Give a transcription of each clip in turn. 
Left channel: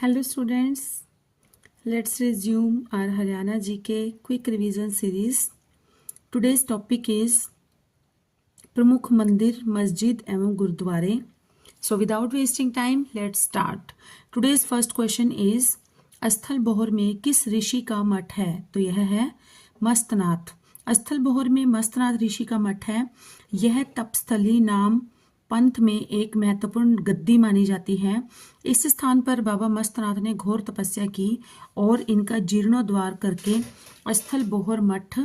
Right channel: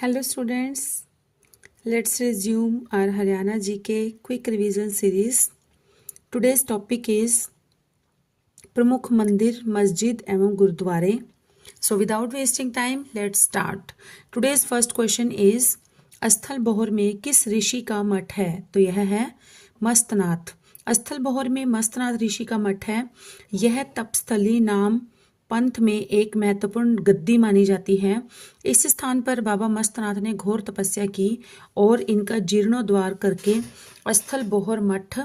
Hello students, let's resume our Haryana GK quick revision series. Today's topic is प्रमुख मंदिर, मस्जिद एवं गुरुद्वारे. So without wasting time, let's start. Today's first question is स्थल Bohr में किस ऋषि का मठ है? तो यह है मस्तनाथ. स्थल बोहर में मस्तनाथ ऋषि का मठ है. यह तपस्थली नाम पंथ में एक महत्वपूर्ण गद्दी मानी जाती है. इस स्थान पर बाबा मस्तनाथ ने घोर तपस्या की और इनका जीर्णोद्धार करके स्थल बोहर मठ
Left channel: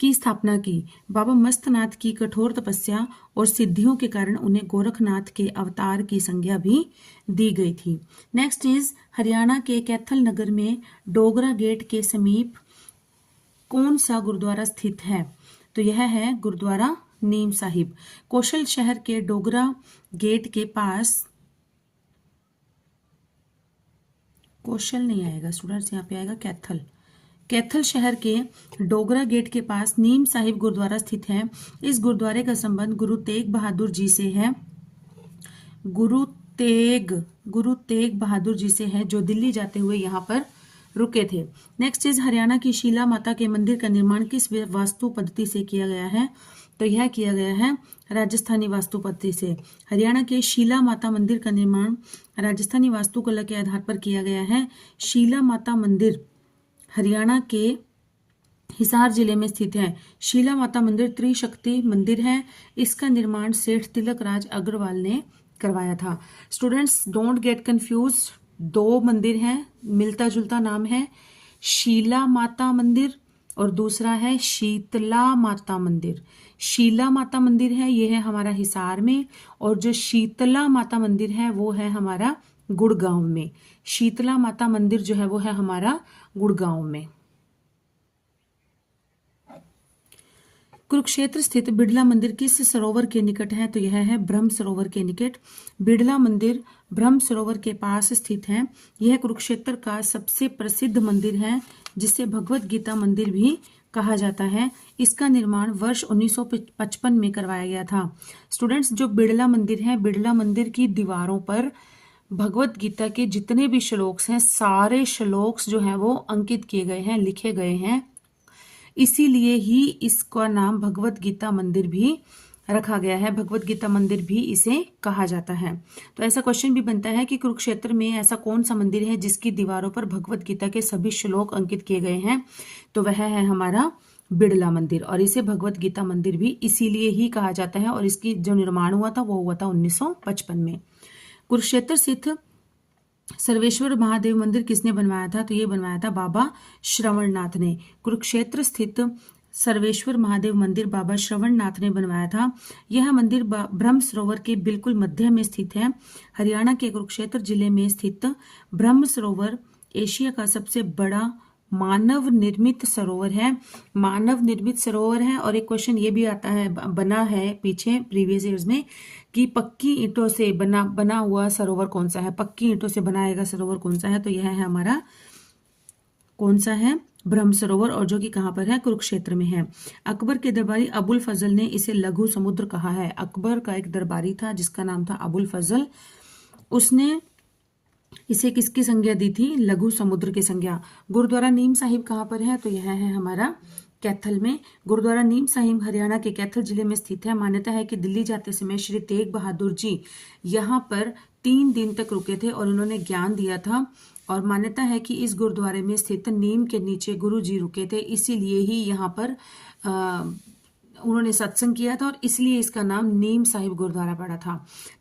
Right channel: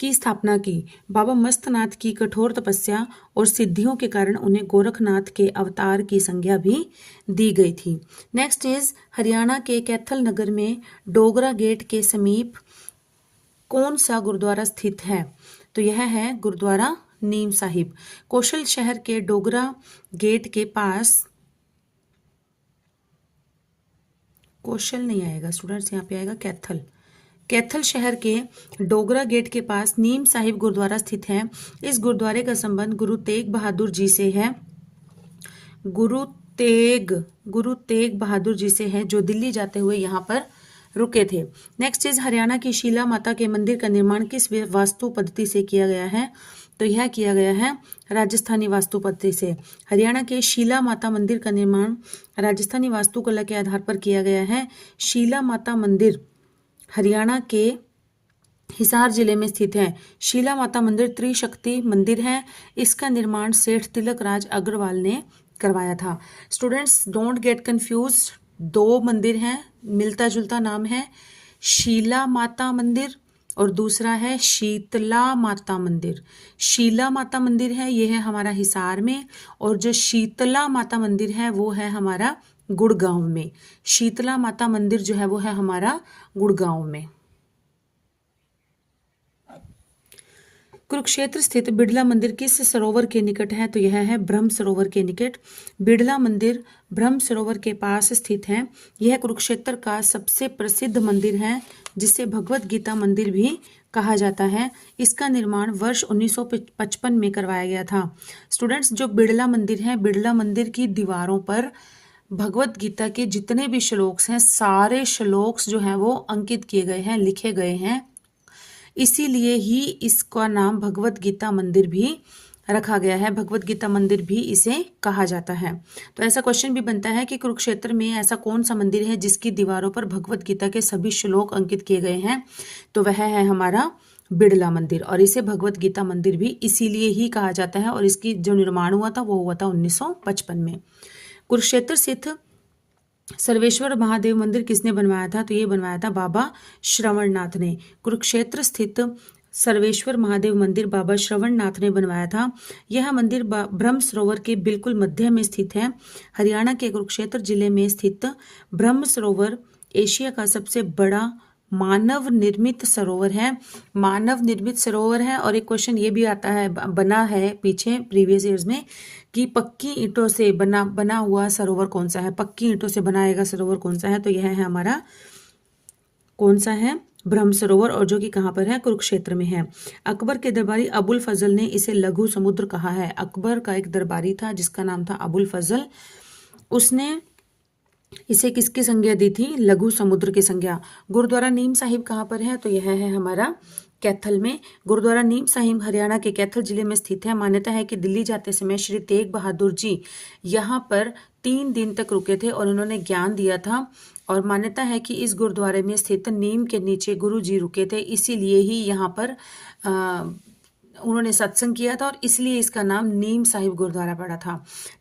की स्थापना की. बाबा मस्तनाथ की कठोर तपस्या और सिद्धियों के कारण उन्हें गोरखनाथ के अवतार की संज्ञा भी दी गई थी. नेक्स्ट इज हरियाणा के कैथल नगर में डोगरा गेट के समीप कौन सा गुरुद्वारा स्थित है? तो यह है गुरुद्वारा नीम साहिब. कौशल शहर के डोगरा गेट के पास, कौशल नहीं आएगा स्टूडेंट्स, यहाँ पे आएगा कैथल. कैथल शहर के डोगरा गेट के पास नीम साहिब गुरुद्वारा स्थित है. इस गुरुद्वारे का संबंध गुरु तेग बहादुर जी से है. गुरु तेग बहादुर जी से है, जो दिल्ली जाते हुए यहाँ पर रुके थे. नेक्स्ट इज हरियाणा की शीला माता के मंदिर का निर्माण किस वास्तु पद्धति से किया गया है? तो यह किया गया है राजस्थानी वास्तु पद्धति से. हरियाणा के शीला माता मंदिर का निर्माण राजस्थानी वास्तुकला के आधार पर किया गया है. शीला माता मंदिर हरियाणा के हिसार जिले में स्थित है. शीला माता मंदिर त्रिशक्ति मंदिर है. इसका निर्माण सेठ तिलक राज अग्रवाल ने करवाया था. स्टूडेंट्स डोंट गेट कंफ्यूज, दो मंदिर हैं, मिलता जुलता नाम है. शीला माता मंदिर और दूसरा है शीतला माता मंदिर. शीला माता मंदिर है, ये है हमारा हिसार में, और जो शीतला माता मंदिर है वो है हमारा गुड़गांव में. शीतला माता मंदिर जो है वो है हमारा गुड़गांव में. कुरुक्षेत्र स्थित बिड़ला मंदिर किस सरोवर के निकट है? तो यह है ब्रह्म सरोवर के निकट. बिड़ला मंदिर ब्रह्म सरोवर के पास स्थित है. यह कुरुक्षेत्र का सबसे प्रसिद्ध मंदिर है, जिसे भगवत गीता मंदिर भी कहा जाता है. इसका निर्माण वर्ष 1955 में करवाया गया था. स्टूडेंट्स, जो बिड़ला मंदिर है, बिड़ला मंदिर की दीवारों पर भगवत गीता के जितने भी श्लोक्स हैं, सारे श्लोक्स जो हैं वो अंकित किए गए हैं, लिखे गए हैं. इसीलिए ही इसका नाम भगवत गीता मंदिर भी रखा गया है. भगवत गीता मंदिर भी इसे कहा जाता है. तो ऐसा क्वेश्चन भी बनता है कि कुरुक्षेत्र में ऐसा कौन सा मंदिर है जिसकी दीवारों पर भगवत गीता के सभी श्लोक अंकित किए गए हैं? तो वह है हमारा बिड़ला मंदिर, और इसे भगवत गीता मंदिर भी इसीलिए ही कहा जाता है. और इसकी जो निर्माण हुआ था वो हुआ था 1955 में. कुरुक्षेत्र स्थित सर्वेश्वर महादेव मंदिर किसने बनवाया था? तो ये बनवाया था बाबा श्रवणनाथ ने. कुरुक्षेत्र स्थित सर्वेश्वर महादेव मंदिर बाबा श्रवणनाथ ने बनवाया था. यह मंदिर ब्रह्म सरोवर के बिल्कुल मध्य में स्थित है. हरियाणा के कुरुक्षेत्र जिले में स्थित ब्रह्म सरोवर एशिया का सबसे बड़ा मानव निर्मित सरोवर है. मानव निर्मित सरोवर है. और एक क्वेश्चन ये भी आता है, बना है पीछे प्रीवियस ईयर्स में, कि पक्की ईंटों से बना हुआ सरोवर कौन सा है? पक्की ईंटों से बनाएगा सरोवर कौन सा है? तो यह है हमारा कौन सा है? ब्रह्म सरोवर, और जो कि कहाँ पर है? कुरुक्षेत्र में है. अकबर के दरबारी अबुल फजल ने इसे लघु समुद्र कहा है. अकबर का एक दरबारी था जिसका नाम था अबुल फजल. उसने इसे किसकी संज्ञा दी थी? लघु समुद्र की संज्ञा. गुरुद्वारा नीम साहिब कहाँ पर है? तो यह है हमारा कैथल में. गुरुद्वारा नीम साहिब हरियाणा के कैथल जिले में स्थित है. मान्यता है कि दिल्ली जाते समय श्री तेग बहादुर जी यहाँ पर 3 दिन तक रुके थे और उन्होंने ज्ञान दिया था. और मान्यता है कि इस गुरुद्वारे में स्थित नीम के नीचे गुरु जी रुके थे, इसीलिए ही यहाँ पर उन्होंने सत्संग किया था, और इसलिए इसका नाम नीम साहिब गुरुद्वारा पड़ा था.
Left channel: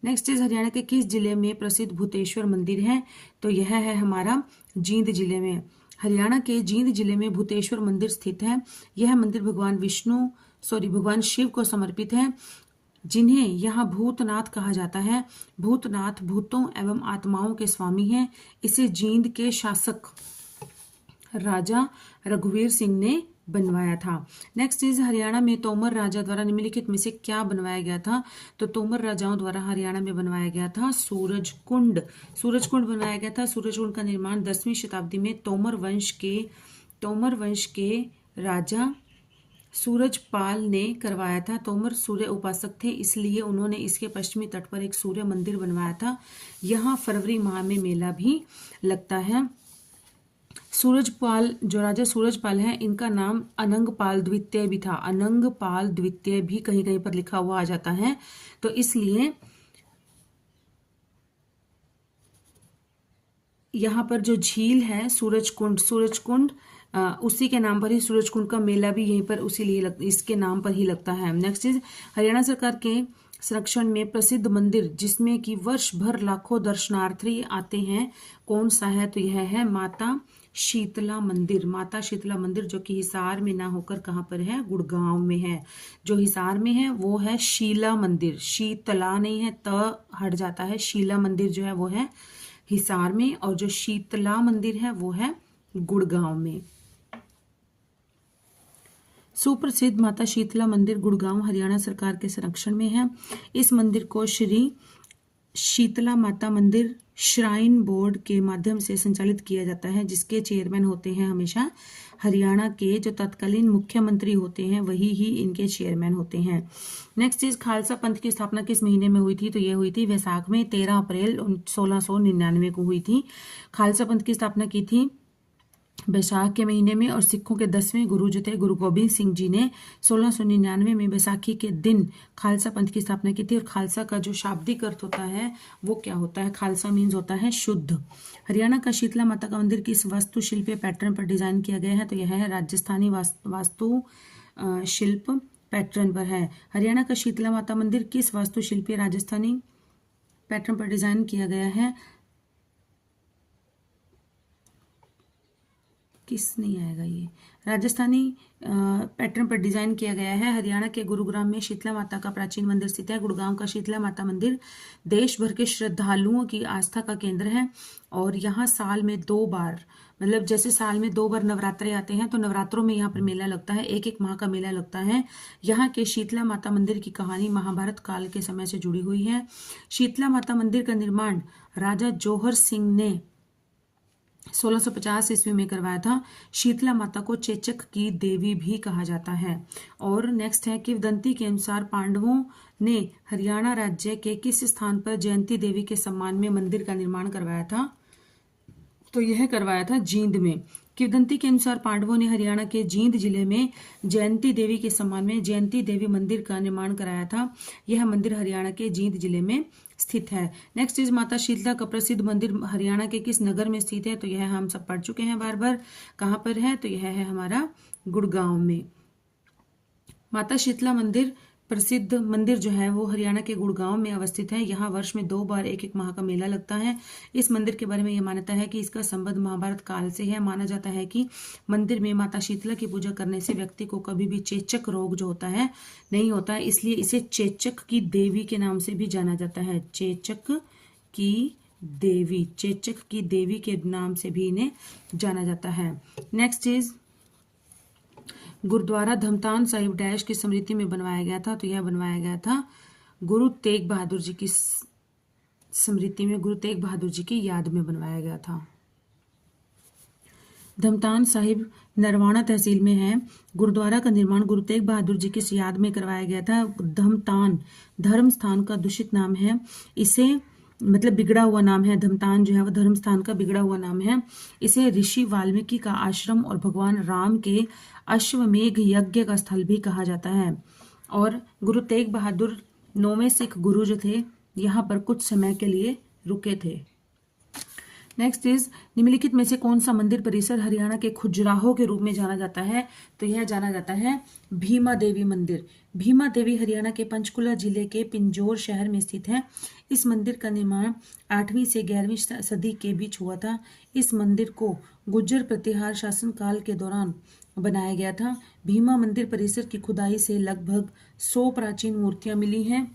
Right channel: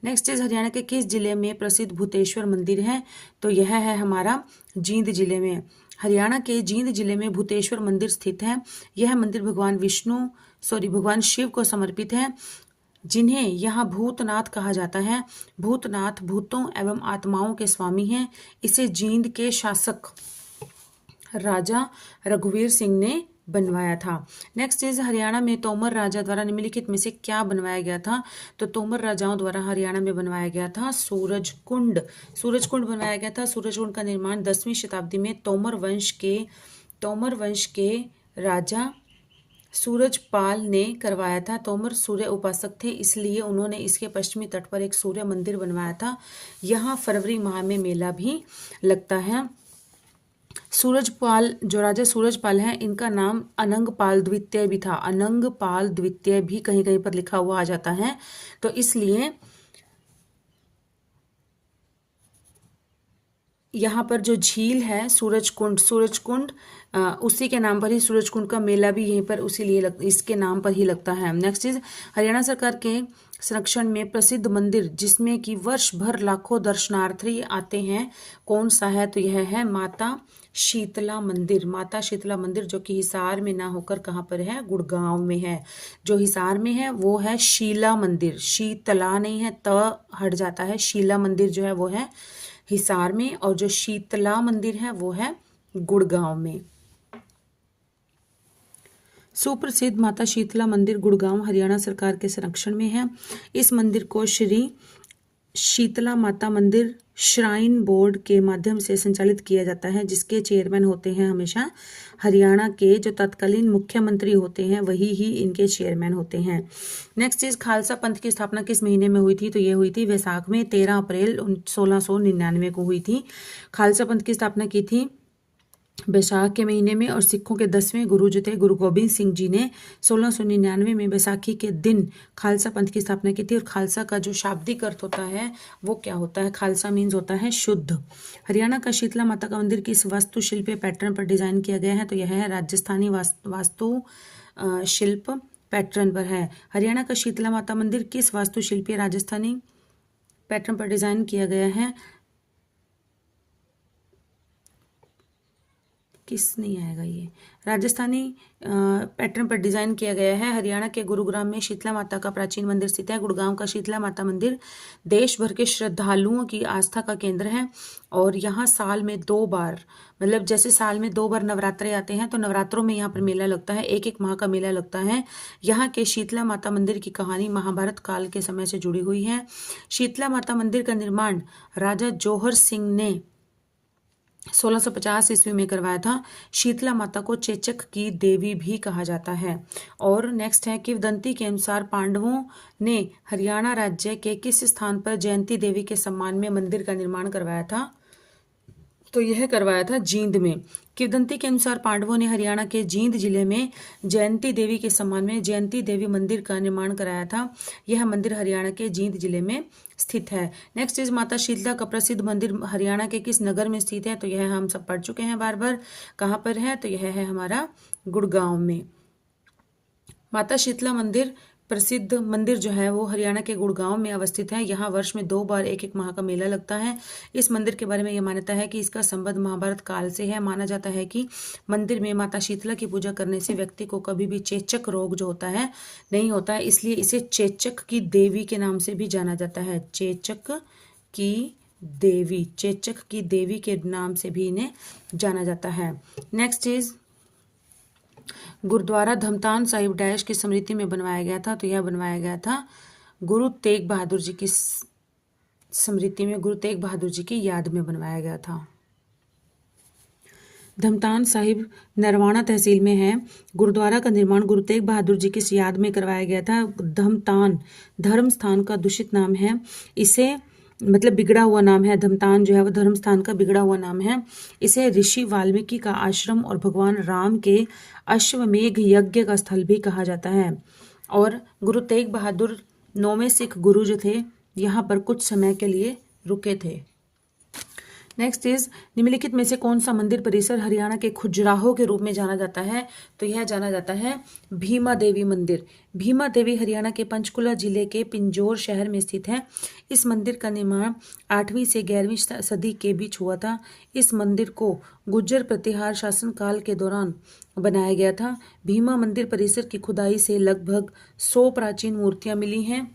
नेक्स्ट इज हरियाणा के किस जिले में प्रसिद्ध भूतेश्वर मंदिर है? तो यह है हमारा जींद जिले में. हरियाणा के जींद जिले में भूतेश्वर मंदिर स्थित है. यह मंदिर भगवान शिव को समर्पित है, जिन्हें यहाँ भूतनाथ कहा जाता है. भूतनाथ भूतों एवं आत्माओं के स्वामी हैं. इसे जींद के शासक राजा रघुवीर सिंह ने बनवाया था. नेक्स्ट इज हरियाणा में तोमर राजा द्वारा निम्नलिखित में से क्या बनवाया गया था? तो तोमर राजाओं द्वारा हरियाणा में बनवाया गया था सूरज कुंड. सूरज कुंड बनवाया गया था. सूरज कुंड का निर्माण 10वीं शताब्दी में तोमर वंश के राजा सूरजपाल ने करवाया था। तोमर सूर्य उपासक थे, इसलिए उन्होंने इसके पश्चिमी तट पर एक सूर्य मंदिर बनवाया था। यहाँ फरवरी माह में मेला भी लगता है। सूरजपाल, जो राजा सूरजपाल हैं, इनका नाम अनंगपाल द्वितीय भी था। अनंगपाल द्वितीय भी कहीं कहीं पर लिखा हुआ आ जाता है, तो इसलिए यहाँ पर जो झील है सूरजकुंड, सूरजकुंड उसी के नाम पर ही सूरजकुंड का मेला भी यहीं पर उसी लिए इसके नाम पर ही लगता है। नेक्स्ट इज हरियाणा सरकार के संरक्षण में प्रसिद्ध मंदिर जिसमें कि वर्ष भर लाखों दर्शनार्थी आते हैं, कौन सा है? तो यह है माता शीतला मंदिर। माता शीतला मंदिर जो कि हिसार में ना होकर कहाँ पर है? गुड़गांव में है। जो हिसार में है वो है शीला मंदिर, शीतला नहीं है, त हट जाता है। शीला मंदिर जो है वो है हिसार में, और जो शीतला मंदिर है वो है गुड़गांव में। सुप्रसिद्ध माता शीतला मंदिर गुड़गांव हरियाणा सरकार के संरक्षण में है। इस मंदिर को श्री शीतला माता मंदिर श्राइन बोर्ड के माध्यम से संचालित किया जाता है, जिसके चेयरमैन होते हैं हमेशा हरियाणा के जो तत्कालीन मुख्यमंत्री होते हैं, वही ही इनके चेयरमैन होते हैं। नेक्स्ट इज खालसा पंथ की स्थापना किस महीने में हुई थी? तो ये हुई थी वैसाख में, 13 अप्रैल 1699 को हुई थी। खालसा पंथ की स्थापना की थी बैसाख के महीने में, और सिखों के 10वें गुरु जो थे गुरु गोबिंद सिंह जी ने 1699 में बैसाखी के दिन खालसा पंथ की स्थापना की थी। और खालसा का जो शाब्दिक अर्थ होता है वो क्या होता है? खालसा मीन्स होता है शुद्ध। हरियाणा का शीतला माता का मंदिर किस वास्तुशिल्पीय पैटर्न पर डिजाइन किया गया है? तो यह है राजस्थानी वास्तु शिल्प पैटर्न पर है। हरियाणा का शीतला माता मंदिर किस वास्तुशिल्पीय राजस्थानी पैटर्न पर डिजाइन किया गया है? किस नहीं आएगा, ये राजस्थानी पैटर्न पर डिजाइन किया गया है। हरियाणा के गुरुग्राम में शीतला माता का प्राचीन मंदिर स्थित है। गुड़गांव का शीतला माता मंदिर देश भर के श्रद्धालुओं की आस्था का केंद्र है, और यहाँ साल में 2 बार, मतलब जैसे साल में 2 बार नवरात्रे आते हैं, तो नवरात्रों में यहाँ पर मेला लगता है, एक माह का मेला लगता है। यहाँ के शीतला माता मंदिर की कहानी महाभारत काल के समय से जुड़ी हुई है। शीतला माता मंदिर का निर्माण राजा जौहर सिंह ने 1650 ईस्वी में करवाया था। शीतला माता को चेचक की देवी भी कहा जाता है। और नेक्स्ट है किंवदंती के अनुसार पांडवों ने हरियाणा राज्य के किस स्थान पर जयंती देवी के सम्मान में मंदिर का निर्माण करवाया था? तो यह करवाया था जींद में। किंवदंती के अनुसार पांडवों ने हरियाणा के जींद जिले में जयंती देवी के सम्मान में जयंती देवी मंदिर का निर्माण कराया था। यह मंदिर हरियाणा के जींद जिले में स्थित है। नेक्स्ट इज माता शीतला का प्रसिद्ध मंदिर हरियाणा के किस नगर में स्थित है? तो यह हम सब पढ़ चुके हैं बार बार। कहाँ पर है? तो यह है हमारा गुड़गांव में। माता शीतला मंदिर प्रसिद्ध मंदिर जो है वो हरियाणा के गुड़गांव में अवस्थित है। यहाँ वर्ष में 2 बार एक माह का मेला लगता है। इस मंदिर के बारे में यह मान्यता है कि इसका संबंध महाभारत काल से है। माना जाता है कि मंदिर में माता शीतला की पूजा करने से व्यक्ति को कभी भी चेचक रोग जो होता है नहीं होता है, इसलिए इसे चेचक की देवी के नाम से भी जाना जाता है। चेचक की देवी, चेचक की देवी के नाम से भी इन्हें जाना जाता है। Next is Gurdwara Dhamtan Sahib dash की स्मृति में बनवाया गया था। तो यह बनवाया गया था गुरु तेग बहादुर जी की स्मृति में, गुरु तेग बहादुर जी की याद में बनवाया गया था। धमतान साहिब नरवाना तहसील में है। गुरुद्वारा का निर्माण गुरु तेग बहादुर जी की याद में करवाया गया था। धमतान धर्म स्थान का दूषित नाम है, इसे मतलब बिगड़ा हुआ नाम है। धमतान जो है वो धर्म स्थान का बिगड़ा हुआ नाम है। इसे ऋषि वाल्मीकि का आश्रम और भगवान राम के अश्वमेघ यज्ञ का स्थल भी कहा जाता है। और गुरु तेग बहादुर 9वें सिख गुरु जो थे यहाँ पर कुछ समय के लिए रुके थे। नेक्स्ट इज निम्नलिखित में से कौन सा मंदिर परिसर हरियाणा के खजुराहो के रूप में जाना जाता है? तो यह जाना जाता है भीमा देवी मंदिर। भीमा देवी हरियाणा के पंचकुला जिले के पिंजौर शहर में स्थित है। इस मंदिर का निर्माण 8वीं से 11वीं सदी के बीच हुआ था। इस मंदिर को गुर्जर प्रतिहार शासनकाल के दौरान बनाया गया था। भीमा मंदिर परिसर की खुदाई से लगभग 100 प्राचीन मूर्तियां मिली हैं,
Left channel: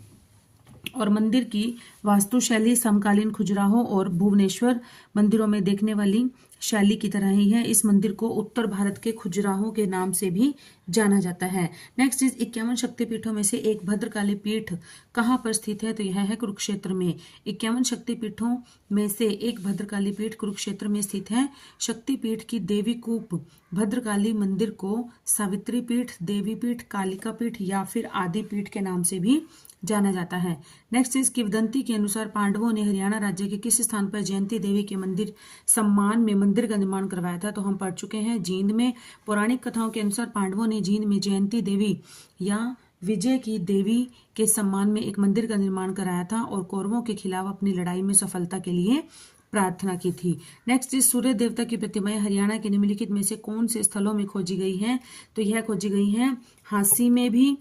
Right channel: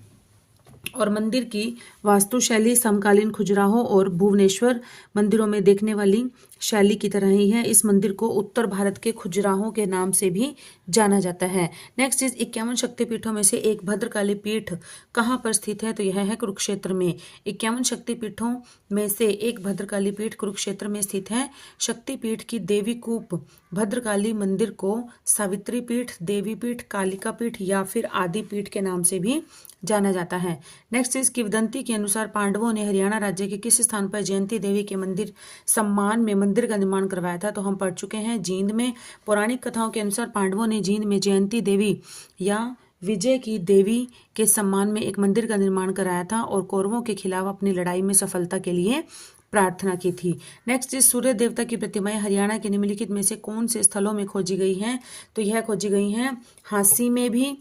और मंदिर की वास्तुशैली समकालीन खजुराहो और भुवनेश्वर मंदिरों में देखने वाली शैली की तरह ही है। इस मंदिर को उत्तर भारत के खजुराहो के नाम से भी जाना जाता है। नेक्स्ट इज 51 शक्तिपीठों में से एक भद्रकाली पीठ कहाँ पर स्थित है? तो यह है कुरुक्षेत्र में। 51 शक्तिपीठों में से एक भद्रकाली पीठ कुरुक्षेत्र में स्थित है। शक्तिपीठ की देवी कूप भद्रकाली मंदिर को सावित्री पीठ, देवी पीठ, कालिका पीठ या फिर आदि पीठ के नाम से भी जाना जाता है। नेक्स्ट इस किंवदंती के अनुसार पांडवों ने हरियाणा राज्य के किस स्थान पर जयंती देवी के मंदिर सम्मान में मंदिर का निर्माण करवाया था? तो हम पढ़ चुके हैं जींद में। पौराणिक कथाओं के अनुसार पांडवों ने जींद में जयंती देवी या विजय की देवी के सम्मान में एक मंदिर का निर्माण कराया था और कौरवों के खिलाफ अपनी लड़ाई में सफलता के लिए प्रार्थना की थी। नेक्स्ट इस सूर्य देवता की प्रतिमाएं हरियाणा के निम्नलिखित में से कौन से स्थलों में खोजी गई हैं? तो यह खोजी गई हैं हांसी में भी,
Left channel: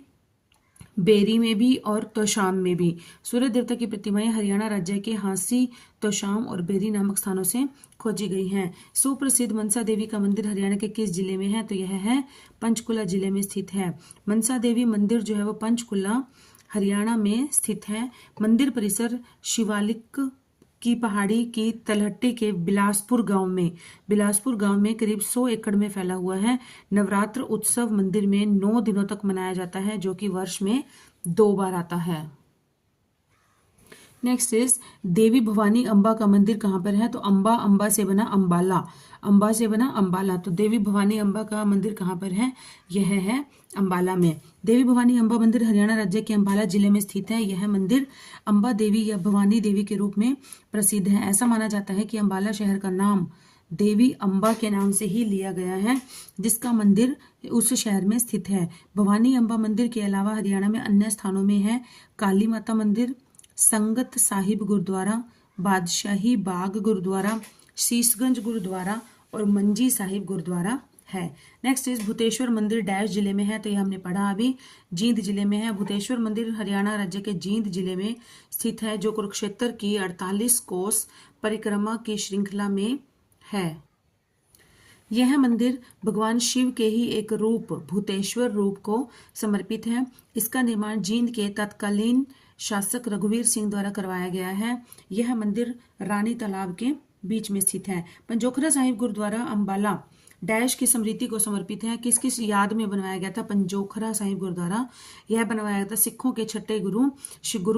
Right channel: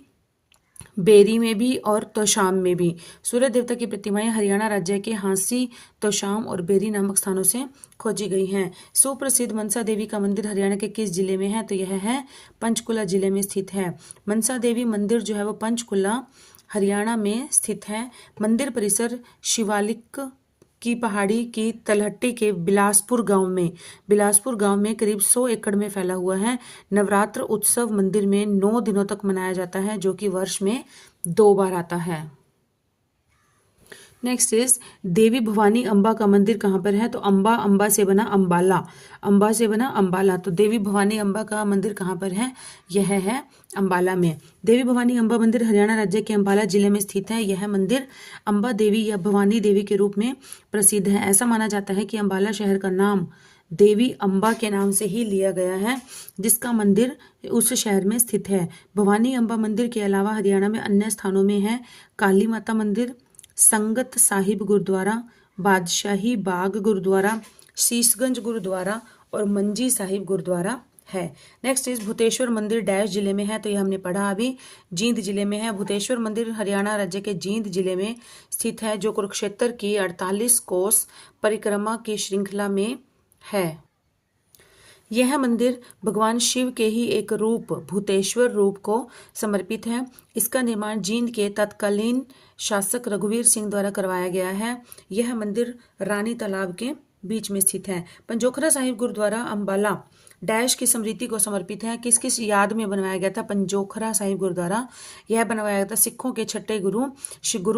बेरी में भी और तोशाम में भी। सूर्य देवता की प्रतिमाएं हरियाणा राज्य के हांसी, तोशाम और बेरी नामक स्थानों से खोजी गई हैं। सुप्रसिद्ध मनसा देवी का मंदिर हरियाणा के किस जिले में है? तो यह है पंचकुला जिले में स्थित है। मनसा देवी मंदिर जो है वो पंचकुला हरियाणा में स्थित है। मंदिर परिसर शिवालिक की पहाड़ी की तलहटी के बिलासपुर गांव में करीब 100 एकड़ में फैला हुआ है। नवरात्र उत्सव मंदिर में 9 दिनों तक मनाया जाता है, जो कि वर्ष में 2 बार आता है। नेक्स्ट इज देवी भवानी अम्बा का मंदिर कहाँ पर है? तो अंबा से बना अंबाला। तो देवी भवानी अम्बा का मंदिर कहाँ पर है? यह है अंबाला में। देवी भवानी अम्बा मंदिर हरियाणा राज्य के अंबाला जिले में स्थित है। यह मंदिर अम्बा देवी या भवानी देवी के रूप में प्रसिद्ध है। ऐसा माना जाता है कि अंबाला शहर का नाम देवी अम्बा के नाम से ही लिया गया है, जिसका मंदिर उस शहर में स्थित है। भवानी अम्बा मंदिर के अलावा हरियाणा में अन्य स्थानों में है काली माता मंदिर, संगत साहिब गुरुद्वारा, बादशाही बाग गुरुद्वारा, शीशगंज गुरुद्वारा और मंजी साहिब गुरुद्वारा है। नेक्स्ट इज भूतेश्वर मंदिर डैश जिले में है? तो ये हमने पढ़ा अभी, जींद जिले में है। भूतेश्वर मंदिर हरियाणा राज्य के जींद जिले में स्थित है, जो कुरुक्षेत्र की 48 कोस परिक्रमा की श्रृंखला में है। यह मंदिर भगवान शिव के ही एक रूप भूतेश्वर रूप को समर्पित है। इसका निर्माण जींद के तत्कालीन शासक रघुवीर सिंह द्वारा करवाया गया है। यह मंदिर रानी तालाब के बीच में स्थित है। पंजोखरा साहिब गुरुद्वारा अंबाला डैश की स्मृति को समर्पित है। किस किस याद में बनवाया गया था पंजोखरा साहिब गुरुद्वारा? यह बनवाया गया था सिखों के छठे गुरु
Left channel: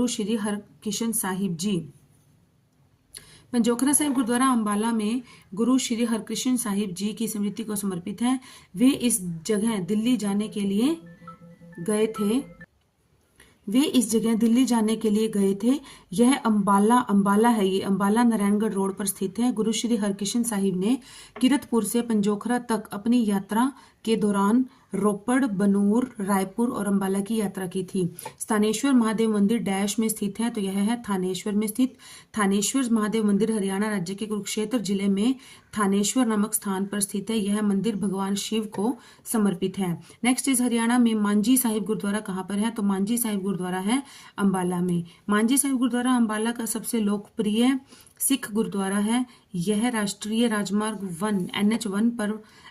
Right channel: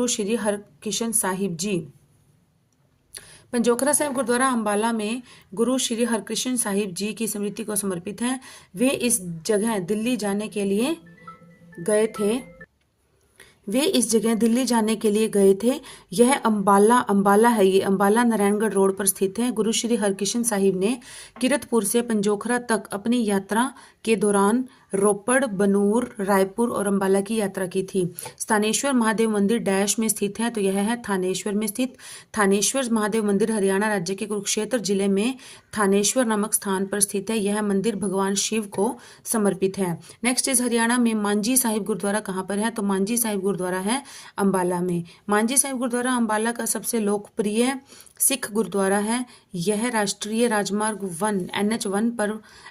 श्री हरकिशन साहिब जी। पंजोखरा साहिब गुरुद्वारा अंबाला में गुरु श्री हरकृष्ण साहिब जी की स्मृति को समर्पित है। वे इस जगह दिल्ली जाने के लिए गए थे। यह अंबाला है। ये अंबाला नारायणगढ़ रोड पर स्थित है। गुरु श्री हरकृष्ण साहिब ने किरतपुर से पंजोखरा तक अपनी यात्रा के दौरान रोपड़, बनूर, रायपुर और अंबाला की यात्रा की थी। स्थानेश्वर महादेव मंदिर डैश में स्थित है? तो यह है थानेश्वर में स्थित। थानेश्वर महादेव मंदिर हरियाणा राज्य के कुरुक्षेत्र जिले में थानेश्वर नामक स्थान पर स्थित है। यह मंदिर भगवान शिव को समर्पित है। नेक्स्ट इज हरियाणा में मांझी साहिब गुरुद्वारा कहाँ पर है? तो मांझी साहिब गुरुद्वारा है अंबाला में। मांझी साहिब गुरुद्वारा अंबाला का सबसे लोकप्रिय सिख गुरुद्वारा है। यह राष्ट्रीय राजमार्ग 1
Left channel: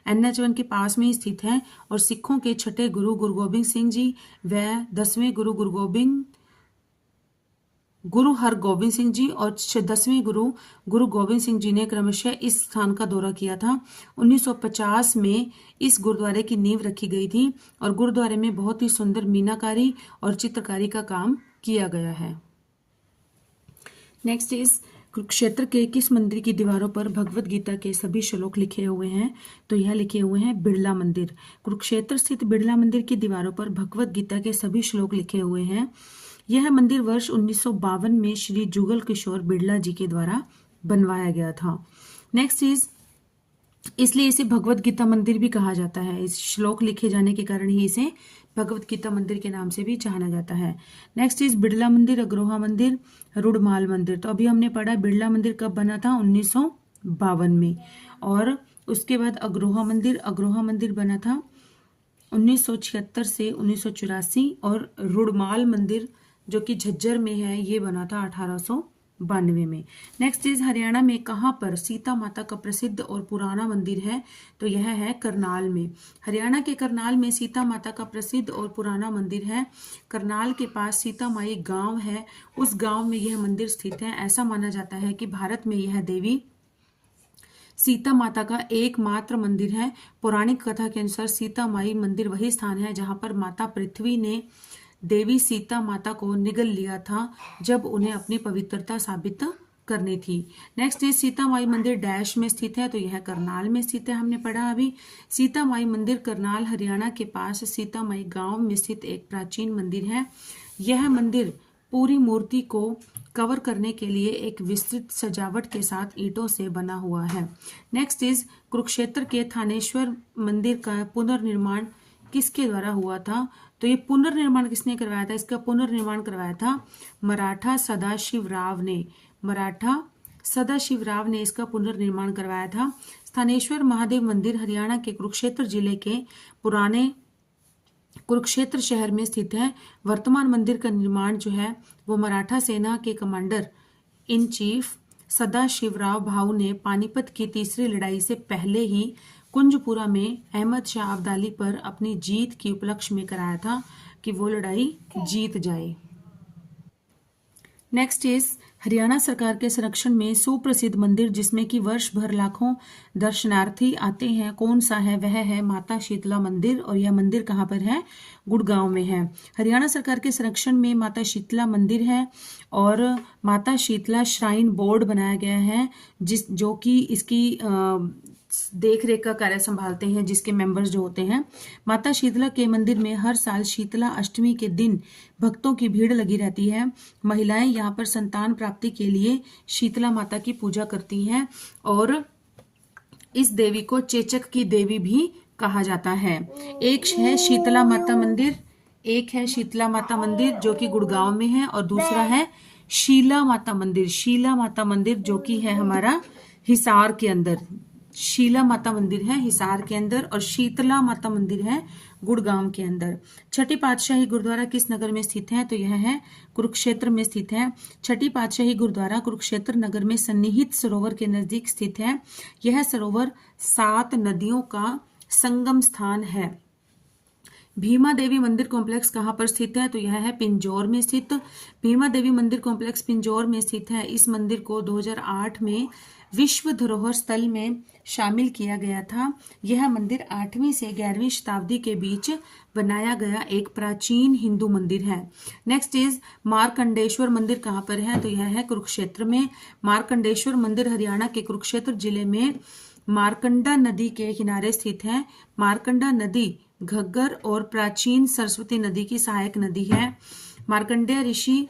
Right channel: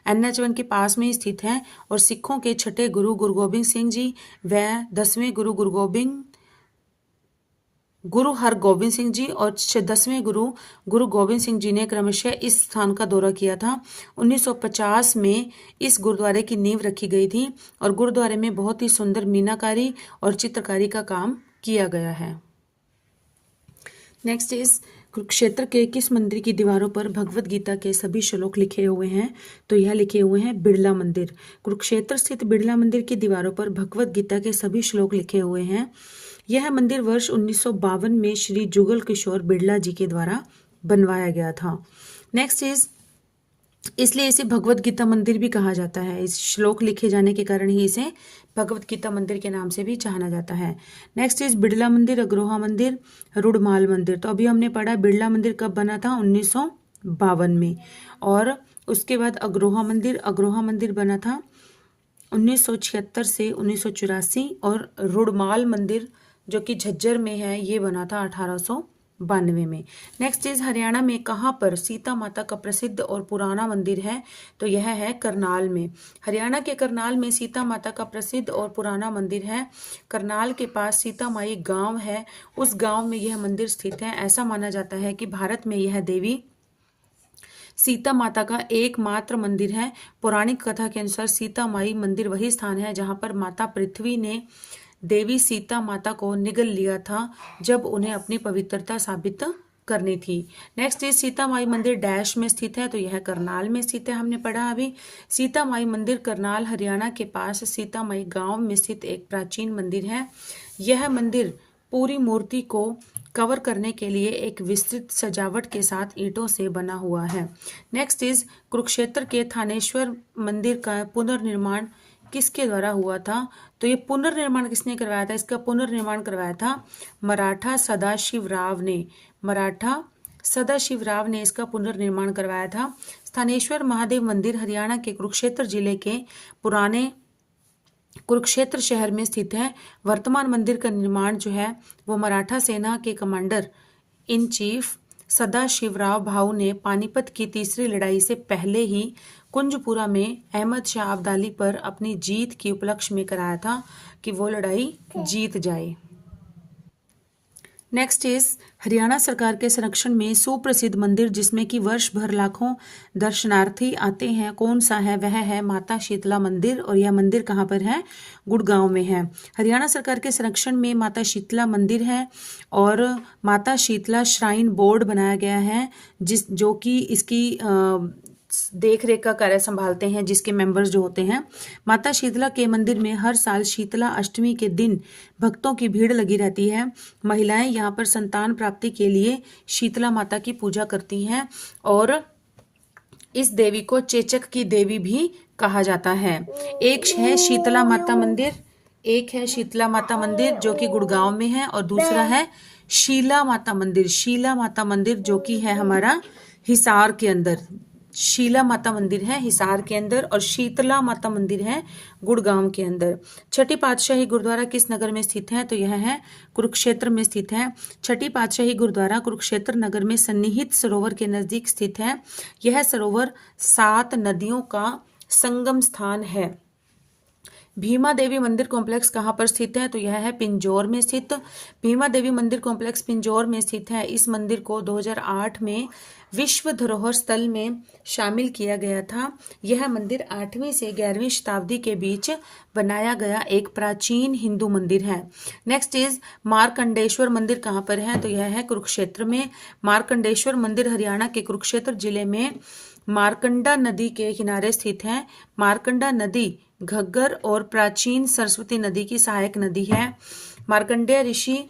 NH1 के पास में स्थित है और सिखों के छठे गुरु गोबिंद सिंह जी व 10वें गुरु हरगोबिंद सिंह जी और 10वें गुरु गोबिंद सिंह जी ने क्रमशः इस स्थान का दौरा किया था। 1950 में इस गुरुद्वारे की नींव रखी गई थी और गुरुद्वारे में बहुत ही सुंदर मीनाकारी और चित्रकारी का काम किया गया है। नेक्स्ट इज कुरुक्षेत्र के किस मंदिर की दीवारों पर भगवत गीता के सभी श्लोक लिखे हुए हैं? तो यह लिखे हुए हैं बिड़ला मंदिर। कुरुक्षेत्र स्थित बिड़ला मंदिर की दीवारों पर भगवत गीता के सभी श्लोक लिखे हुए हैं। यह मंदिर वर्ष 1952 में श्री जुगल किशोर बिड़ला जी के द्वारा बनवाया गया था। नेक्स्ट इज इसलिए इसे भगवत गीता मंदिर भी कहा जाता है। इस श्लोक लिखे जाने के कारण ही इसे भगवत गीता मंदिर के नाम से भी जाना जाता है। नेक्स्ट इज बिड़ला मंदिर, अग्रोहा मंदिर, रुड़माल मंदिर। तो अभी हमने पढ़ा बिड़ला मंदिर कब बना था? 1952 में। और उसके बाद अग्रोहा मंदिर बना था 1976 से 1984 और रुड़माल मंदिर जो कि झज्जर में है ये बना था 1892 में। नेक्स्ट इज हरियाणा में कहाँ पर सीता माता का प्रसिद्ध और पुराना मंदिर है? तो यह है करनाल में। हरियाणा के करनाल में सीता माता का प्रसिद्ध और पुराना मंदिर है। करनाल के पास सीता माई गांव है, उस गांव में यह मंदिर स्थित है। ऐसा माना जाता है कि भारत में यह देवी सीता माता का एकमात्र मंदिर है। पौराणिक कथा के अनुसार सीता माई मंदिर वही स्थान है जहां पर माता पृथ्वी ने देवी सीता माता को निगल लिया था जब उन्हें अपनी पवित्रता साबित करनी थी। नेक्स्ट इज सीता माई मंदिर डैश में स्थित है, तो यह करनाल में स्थित है, हमने पढ़ा अभी। सीता माई मंदिर करनाल हरियाणा के पास सीता माई गांव में स्थित एक प्राचीन मंदिर है। यह मंदिर पूरी मूर्ति को कवर करने के लिए एक विस्तृत सजावट के साथ ईंटों से बना हुआ है। नेक्स्ट इज कुरुक्षेत्र के थानेश्वर मंदिर का पुनर्निर्माण किसके द्वारा हुआ था, तो ये पुनर्निर्माण किसने करवाया था, इसका पुनर्निर्माण करवाया था मराठा सदाशिवराव ने। मराठा सदाशिवराव ने इसका पुनर्निर्माण करवाया था। स्थानेश्वर महादेव मंदिर हरियाणा के कुरुक्षेत्र जिले के पुराने कुरुक्षेत्र शहर में स्थित है। वर्तमान मंदिर का निर्माण जो है वो मराठा सेना के commander in chief Sadashivrao Bhau ने पानीपत की तीसरी लड़ाई से पहले ही कुंजपुरा में अहमद शाह अब्दाली पर अपनी जीत के उपलक्ष्य में कराया था कि वो लड़ाई जीत जाए। नेक्स्ट इज हरियाणा सरकार के संरक्षण में सुप्रसिद्ध मंदिर जिसमें कि वर्ष भर लाखों दर्शनार्थी आते हैं, कौन सा है, वह है माता शीतला मंदिर। और यह मंदिर कहाँ पर है, गुड़गांव में है। हरियाणा सरकार के संरक्षण में माता शीतला मंदिर है और माता शीतला श्राइन बोर्ड बनाया गया है जो कि इसकी देख रेख का कार्य संभालते हैं, जिसके मेंबर्स जो होते हैं। माता शीतला के मंदिर में हर साल शीतला अष्टमी के दिन भक्तों की भीड़ लगी रहती है। महिलाएं यहाँ पर संतान प्राप्ति के लिए शीतला माता की पूजा करती हैं और इस देवी को चेचक की देवी भी कहा जाता है। एक है शीतला माता मंदिर जो कि गुड़गांव में है और दूसरा है शीला माता मंदिर जो कि है हमारा हिसार के अंदर। शीला माता मंदिर है हिसार के अंदर और शीतला माता मंदिर है गुड़गांव के अंदर। छठी पातशाही गुरुद्वारा किस नगर में स्थित है, तो यह है कुरुक्षेत्र में स्थित है। छठी पातशाही गुरुद्वारा कुरुक्षेत्र नगर में सन्निहित सरोवर के नजदीक स्थित है। यह सरोवर 7 नदियों का संगम स्थान है। भीमा देवी मंदिर कॉम्प्लेक्स कहाँ पर स्थित है, तो यह है पिंजौर में स्थित। भीमा देवी मंदिर कॉम्प्लेक्स पिंजौर में स्थित है। इस मंदिर को 2008 में विश्व धरोहर स्थल में शामिल किया गया था। यह मंदिर 8वीं से 11वीं शताब्दी के बीच बनाया गया एक प्राचीन हिंदू मंदिर है। नेक्स्ट इज मार्कंडेश्वर मंदिर कहाँ पर है, तो यह है कुरुक्षेत्र में। मार्कंडेश्वर मंदिर हरियाणा के कुरुक्षेत्र जिले में मारकंडा नदी के किनारे स्थित है। मारकंडा नदी घग्गर और प्राचीन सरस्वती नदी की सहायक नदी है। मार्कंडेय ऋषि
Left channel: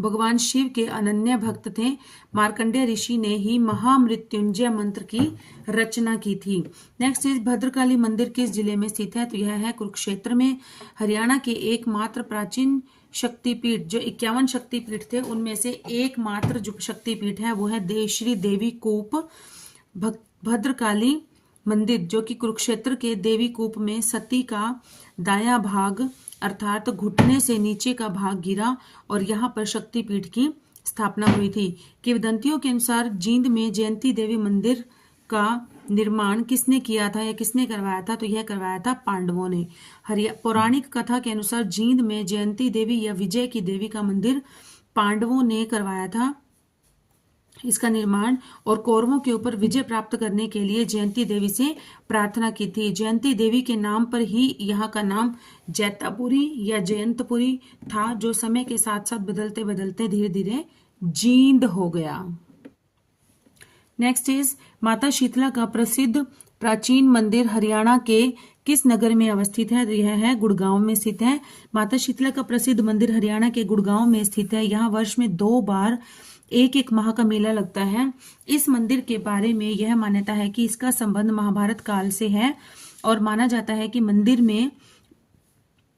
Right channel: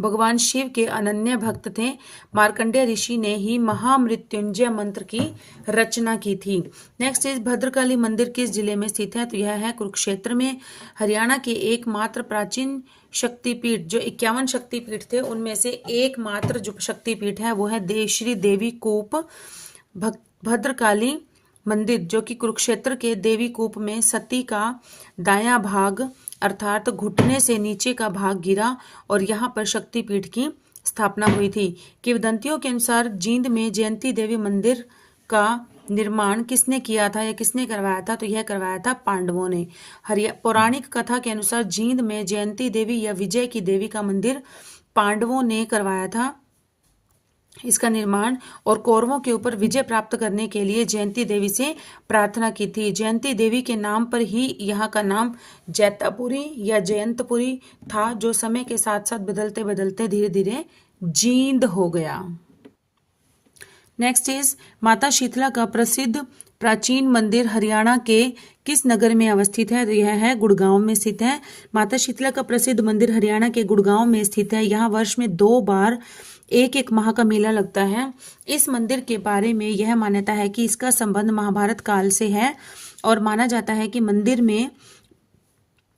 भगवान शिव के अनन्य भक्त थे। मार्कंडेय ऋषि ने ही महामृत्युंजय मंत्र की रचना की थी। नेक्स्ट इज भद्रकाली मंदिर किस जिले में स्थित है, तो यह है कुरुक्षेत्र में। हरियाणा के एकमात्र प्राचीन शक्तिपीठ जो 51 शक्तिपीठ थे उनमें से एकमात्र जो शक्तिपीठ है वो है श्री देवी कूप भद्रकाली मंदिर जो कि कुरुक्षेत्र के देवी कूप में सती का दायां भाग अर्थात घुटने से नीचे का भाग गिरा और यहाँ पर शक्तिपीठ की स्थापना हुई थी। किंवदंतियों के अनुसार जींद में जयंती देवी मंदिर का निर्माण किसने किया था या किसने करवाया था, तो यह करवाया था पांडवों ने। पौराणिक कथा के अनुसार जींद में जयंती देवी या विजय की देवी का मंदिर पांडवों ने करवाया था इसका निर्माण और कौरवों के ऊपर विजय प्राप्त करने के लिए जयंती देवी से प्रार्थना की थी। जयंती देवी के नाम पर ही यहाँ का नाम जैतापुरी या जयंतपुरी था जो समय के साथ साथ बदलते बदलते धीरे धीरे जींद हो गया। नेक्स्ट इज माता शीतला का प्रसिद्ध प्राचीन मंदिर हरियाणा के किस नगर में अवस्थित है, तो यह है गुड़गांव में स्थित है। माता शीतला का प्रसिद्ध मंदिर हरियाणा के गुड़गांव में स्थित है। यहाँ वर्ष में 2 बार एक माह का मेला लगता है। इस मंदिर के बारे में यह मान्यता है कि इसका संबंध महाभारत काल से है और माना जाता है कि मंदिर में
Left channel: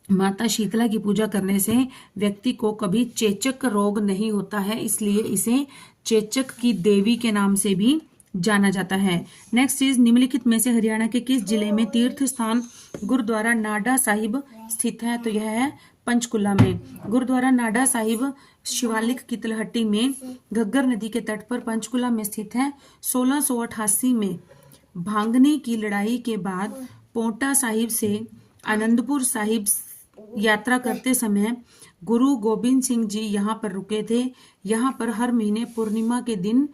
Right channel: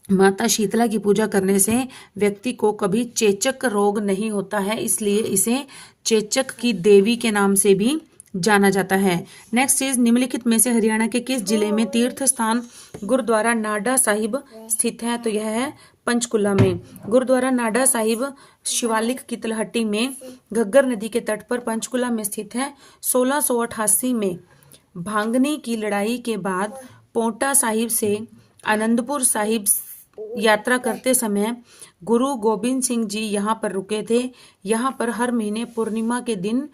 माता शीतला की पूजा करने से व्यक्ति को कभी चेचक रोग नहीं होता है, इसलिए इसे चेचक की देवी के नाम से भी जाना जाता है। नेक्स्ट इज निम्नलिखित में से हरियाणा के किस जिले में तीर्थ स्थान गुरुद्वारा नाडा साहिब स्थित है, तो यह है पंचकुला में। गुरुद्वारा नाडा साहिब शिवालिक की तलहटी में घग्गर नदी के तट पर पंचकुला में स्थित है। 1688 में भांगनी की लड़ाई के बाद पोंटा साहिब से आनंदपुर साहिब यात्रा करते समय गुरु गोबिंद सिंह जी यहाँ पर रुके थे। यहाँ पर हर महीने पूर्णिमा के दिन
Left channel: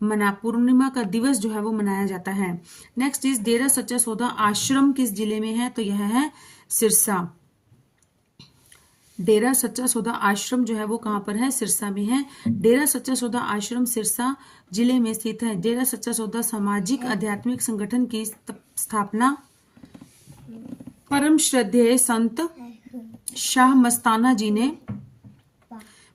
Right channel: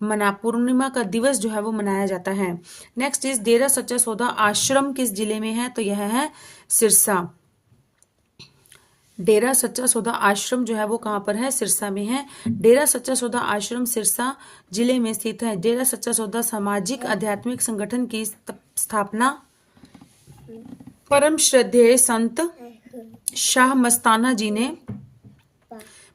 पूर्णिमा का दिवस जो है वो मनाया जाता है। नेक्स्ट इज डेरा सच्चा सौदा आश्रम किस जिले में है, तो यह है सिरसा। डेरा सच्चा सौदा आश्रम जो है वो कहाँ पर है, सिरसा में है। डेरा सच्चा सौदा आश्रम सिरसा जिले में स्थित है। डेरा सच्चा सौदा सामाजिक आध्यात्मिक संगठन की स्थापना परम श्रद्धेय संत शाह मस्ताना जी ने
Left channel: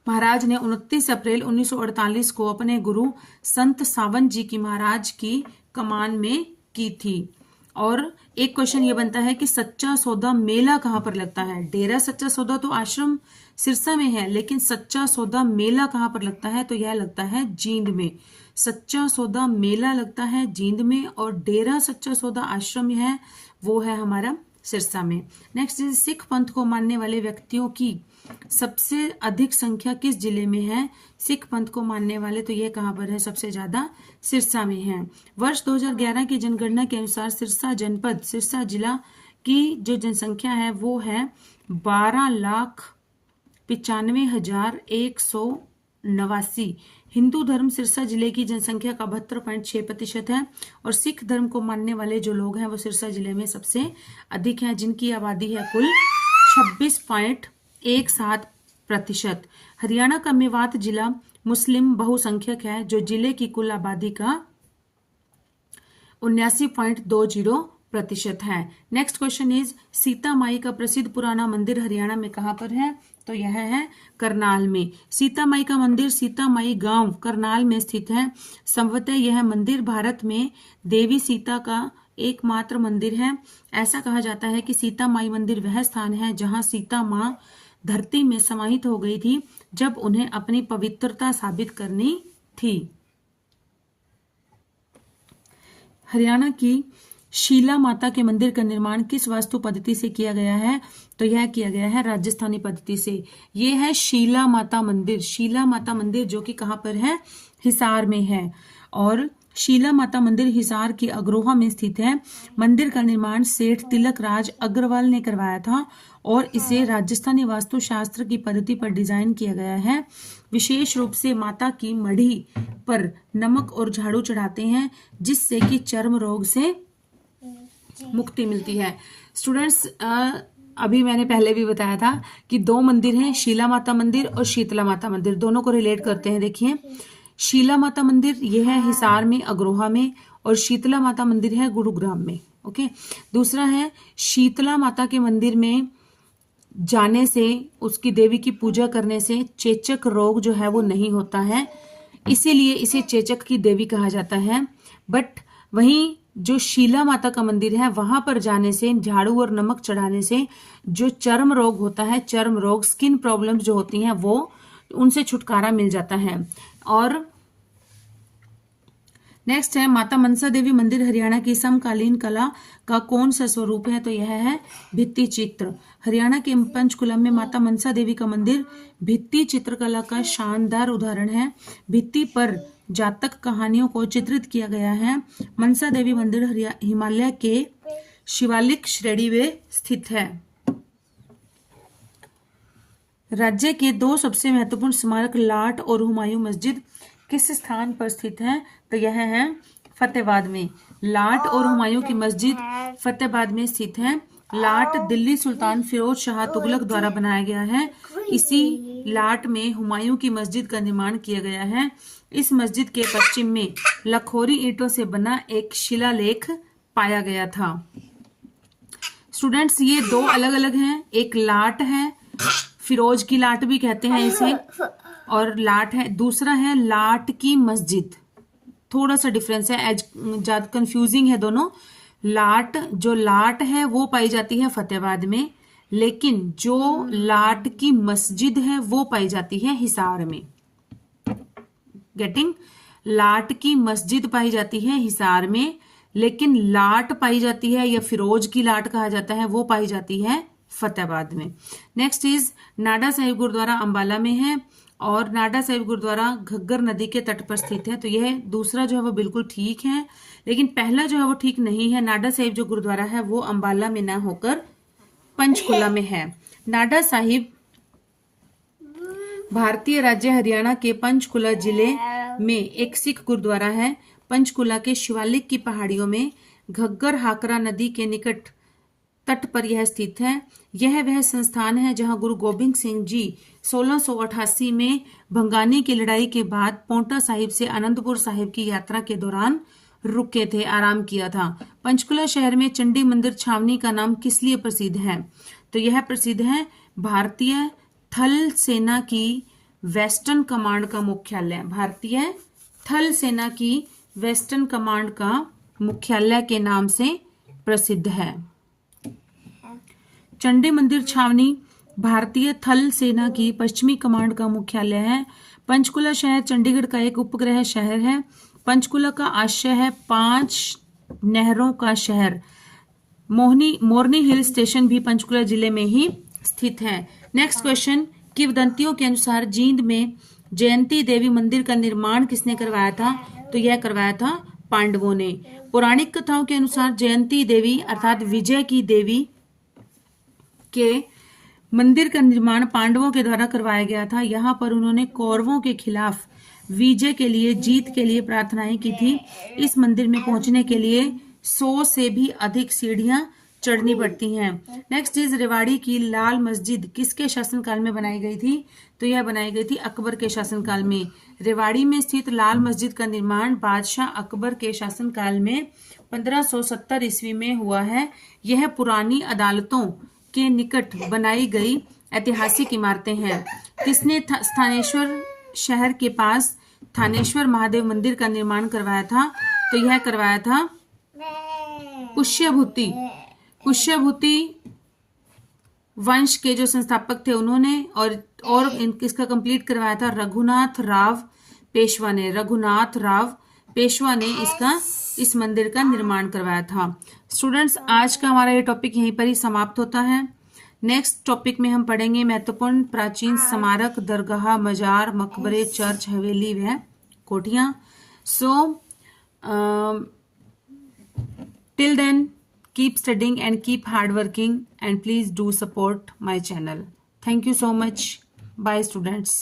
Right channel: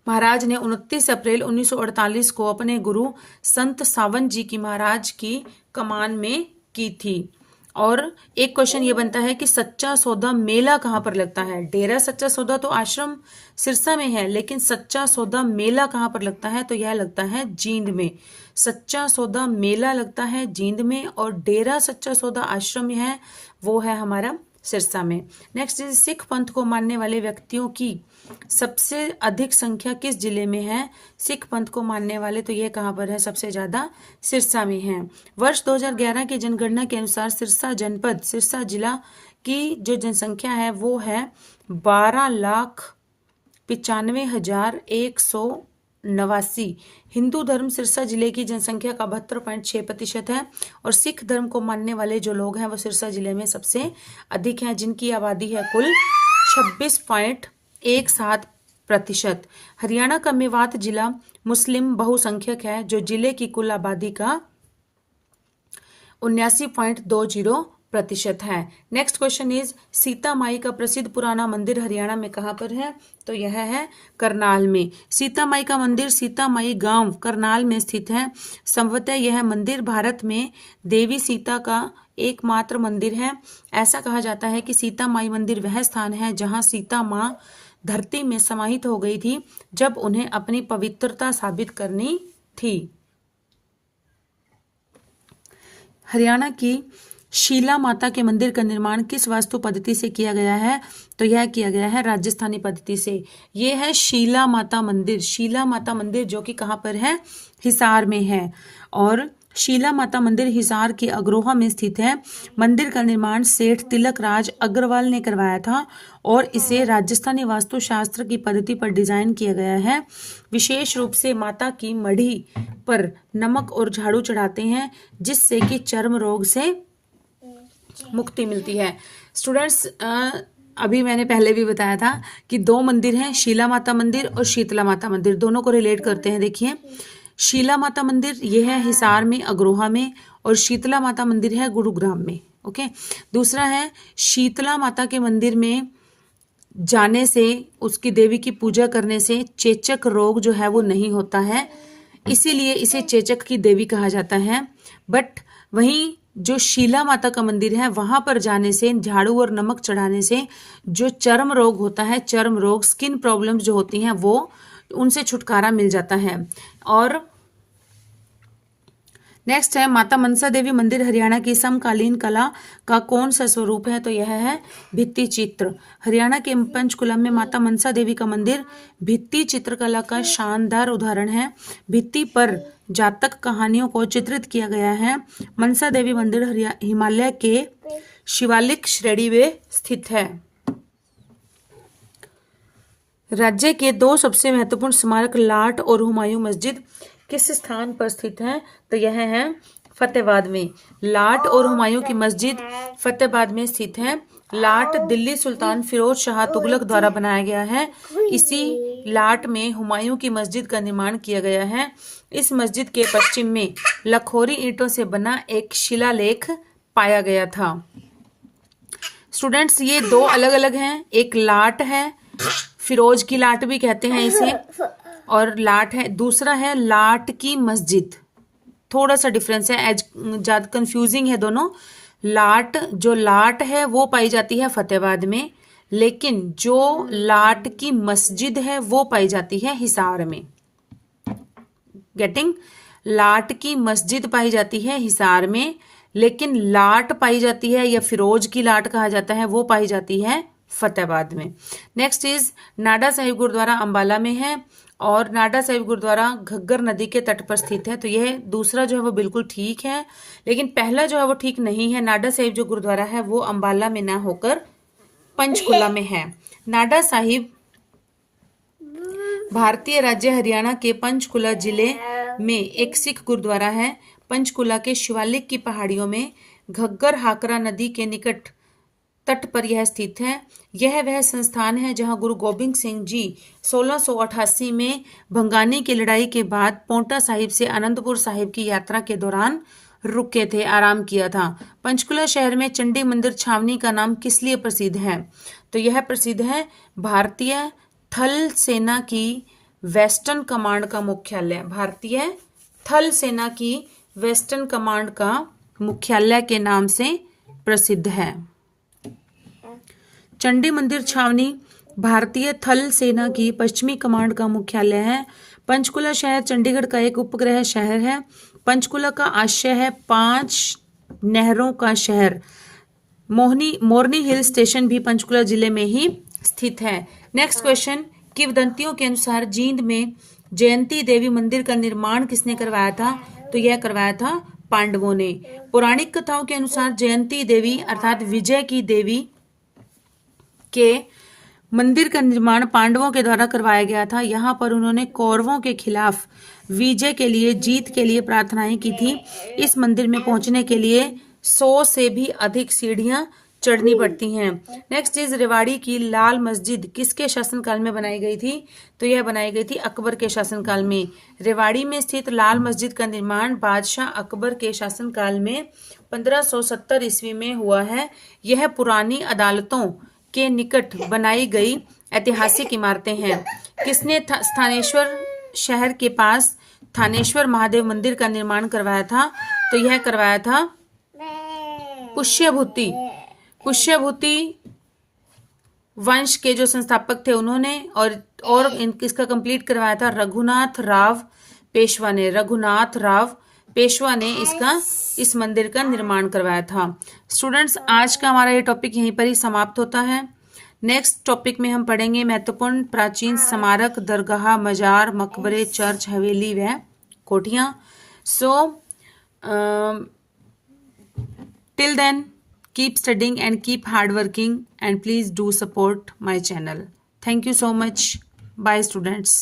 महाराज ने 29 अप्रैल 1948 को अपने गुरु संत सावन जी की महाराज की कमान में की थी। और एक क्वेश्चन ये बनता है कि सच्चा सौदा मेला कहाँ पर लगता है। डेरा सच्चा सौदा तो आश्रम सिरसा में है, लेकिन सच्चा सौदा मेला कहाँ पर लगता है, तो यह लगता है जींद में। सच्चा सौदा मेला लगता है जींद में, और डेरा सच्चा सौदा आश्रम है वो है हमारा सिरसा में। नेक्स्ट इज सिख पंथ को मानने वाले व्यक्तियों की सबसे अधिक संख्या किस जिले में है। सिख पंथ को मानने वाले तो ये कहाँ पर है, सबसे ज्यादा सिरसा में है। वर्ष 2011 की जनगणना के अनुसार सिरसा जनपद सिरसा जिला की जो जनसंख्या है वो है 12,95,189। हिंदू धर्म सिरसा जिले की जनसंख्या का 72.6% है, और सिख धर्म को मानने वाले जो लोग हैं वो सिरसा जिले में सबसे अधिक हैं, जिनकी आबादी है कुल 26.17%। हरियाणा का मेवात जिला मुस्लिम बहुसंख्यक है, जो जिले की कुल आबादी का 79.20% है। नेक्स्ट क्वेश्चन इज सीता माई का प्रसिद्ध पुराना मंदिर हरियाणा में कहाँ पर है, तो यह है करनाल में। सीता माई का मंदिर सीता माई गांव करनाल में स्थित है। संभवतः यह मंदिर भारत में देवी सीता का एकमात्र मंदिर है। ऐसा कहा जाता है कि सीता माई मंदिर वह स्थान है जहां सीता माँ धरती में समाहित हो गई थी जब उन्हें अपनी पवित्रता साबित करनी थी। हरियाणा की शीला माता के मंदिर का निर्माण किस वास्तु पद्धति से किया गया है, तो यह किया गया है राजस्थानी पद्धति से। यह है शीला माता मंदिर। शीला माता मंदिर जो कि कहाँ पर है, हिसार में है। और शीला माता मंदिर हिसार के अग्रोहा में स्थित है। मंदिर का निर्माण सेठ तिलक राज अग्रवाल ने करवाया था, और इसे राजस्थानी वास्तुशास्त्र की पद्धति पर डिजाइन किया गया है। विशेष रूप से माता की मढ़ी पर नमक और झाड़ू चढ़ाते हैं, जिससे कि चर्म रोग से मुक्ति मिलती है। स्टूडेंट्स, अभी मैंने पहले भी बताया था कि दो मंदिर हैं, शीला माता मंदिर और शीतला माता मंदिर। दोनों को रिलेट करते हैं। देखिए, शीला माता मंदिर ये है हिसार में अग्रोहा में, और शीतला माता मंदिर है गुरुग्राम में। ओके, दूसरा है शीतला माता के मंदिर में जाने से, उसकी देवी की पूजा करने से चेचक रोग जो है वो नहीं होता है, इसीलिए इसे चेचक की देवी कहा जाता है। बट वहीं जो शीला माता का मंदिर है वहां पर जाने से, झाड़ू और नमक चढ़ाने से जो चर्म रोग होता है, चर्म रोग, स्किन प्रॉब्लम्स जो होती हैं, वो उनसे छुटकारा मिल जाता है। और नेक्स्ट है माता मनसा देवी मंदिर हरियाणा की समकालीन कला का कौन सा स्वरूप है, तो यह है भित्ति चित्र। हरियाणा के पंचकुला में माता मनसा देवी का मंदिर भित्ति चित्रकला का शानदार उदाहरण है। भित्ति पर जातक कहानियों को चित्रित किया गया है। मनसा देवी मंदिर हिमालय के शिवालिक श्रेणी में स्थित है। राज्य के दो सबसे महत्वपूर्ण स्मारक लाट और हुमायूं मस्जिद किस स्थान पर स्थित है, तो यह है फतेहाबाद में। लाट और हुमायूं की मस्जिद फतेहाबाद में स्थित है। लाट दिल्ली सुल्तान फिरोज शाह तुगलक द्वारा बनाया गया है। इसी लाट में हुमायूं की मस्जिद का निर्माण किया गया है। इस मस्जिद के पश्चिम में लखोरी ईंटों से बना एक शिलालेख पाया गया था। स्टूडेंट्स, ये दो अलग अलग हैं। एक लाट है, फिरोज की लाट भी कहते हैं इसे, और लाट है, दूसरा है लाट की मस्जिद। थोड़ा सा डिफरेंस है, एज ज्यादा कंफ्यूजिंग है दोनों। लाट, जो लाट है वो पाई जाती है फतेहाबाद में, लेकिन जो लाट की मस्जिद है वो पाई जाती है हिसार में। गेटिंग? लाट की मस्जिद पाई जाती है हिसार में, लेकिन लाट पाई जाती है, या फिरोज की लाट कहा जाता है, वो पाई जाती है फतेहाबाद में। नेक्स्ट इज नाडा साहिब गुरुद्वारा अंबाला में है, और नाडा साहिब गुरुद्वारा घग्गर नदी के तट पर स्थित है। तो यह दूसरा जो है वो बिल्कुल ठीक है, लेकिन पहला जो है वो ठीक नहीं है। नाडा साहिब जो गुरुद्वारा है वो अंबाला में ना होकर पंचकुला में है। नाडा साहिब भारतीय राज्य हरियाणा के पंचकुला जिले में एक सिख गुरुद्वारा है। पंचकुला के शिवालिक की पहाड़ियों में घग्गर हाकरा नदी के निकट तट पर यह स्थित है। यह वह संस्थान है जहां गुरु गोबिंद सिंह जी 1688 में भंगानी की लड़ाई के बाद पोंटा साहिब से आनंदपुर साहिब की यात्रा के दौरान रुके थे, आराम किया था। पंचकुला शहर में चंडी मंदिर छावनी का नाम किस लिए प्रसिद्ध है? तो यह प्रसिद्ध है भारतीय थल सेना की वेस्टर्न कमांड का मुख्यालय। भारतीय थल सेना की वेस्टर्न कमांड का मुख्यालय के नाम से प्रसिद्ध है। चंडी मंदिर छावनी भारतीय थल सेना की पश्चिमी कमांड का मुख्यालय है। पंचकुला शहर चंडीगढ़ का एक उपग्रह शहर है। पंचकुला का आशय है 5 नहरों का शहर। मोरनी हिल स्टेशन भी पंचकुला जिले में ही स्थित है। नेक्स्ट क्वेश्चन, किंवदंतियों के अनुसार जींद में जयंती देवी मंदिर का निर्माण किसने करवाया था? तो यह करवाया था पांडवों ने। पौराणिक कथाओं के अनुसार जयंती देवी अर्थात विजय की देवी के मंदिर का निर्माण पांडवों के द्वारा करवाया गया था। यहाँ पर उन्होंने कौरवों के खिलाफ विजय के लिए, जीत के लिए प्रार्थनाएं की थी। इस मंदिर में पहुंचने के लिए 100 से भी अधिक सीढ़ियां चढ़नी पड़ती हैं। नेक्स्ट इज रेवाड़ी की लाल मस्जिद किसके शासनकाल में बनाई गई थी? तो यह बनाई गई थी अकबर के शासनकाल में। रेवाड़ी में स्थित लाल मस्जिद का निर्माण बादशाह अकबर के शासनकाल में 1570 ईस्वी में हुआ है। यह पुरानी अदालतों के निकट बनाई गई ऐतिहासिक इमारतें हैं। किसने स्थानेश्वर शहर के पास थानेश्वर महादेव मंदिर का निर्माण करवाया था? तो यह करवाया था पुष्यभूति। पुष्यभूति वंश के जो संस्थापक थे उन्होंने, और इसका कंप्लीट करवाया था रघुनाथ राव पेशवा ने। रघुनाथ राव पेशवा ने इस मंदिर का निर्माण करवाया था। स्टूडेंट्स, आज का हमारा ये टॉपिक यहीं पर ही समाप्त होता है। नेक्स्ट टॉपिक में हम पढ़ेंगे महत्वपूर्ण प्राचीन स्मारक, दरगाह, मजार, मकबरे, चर्च, हवेली व कोठियां। So till then keep studying and keep hard working, and please do support my channel. Thank you so much. Bye students.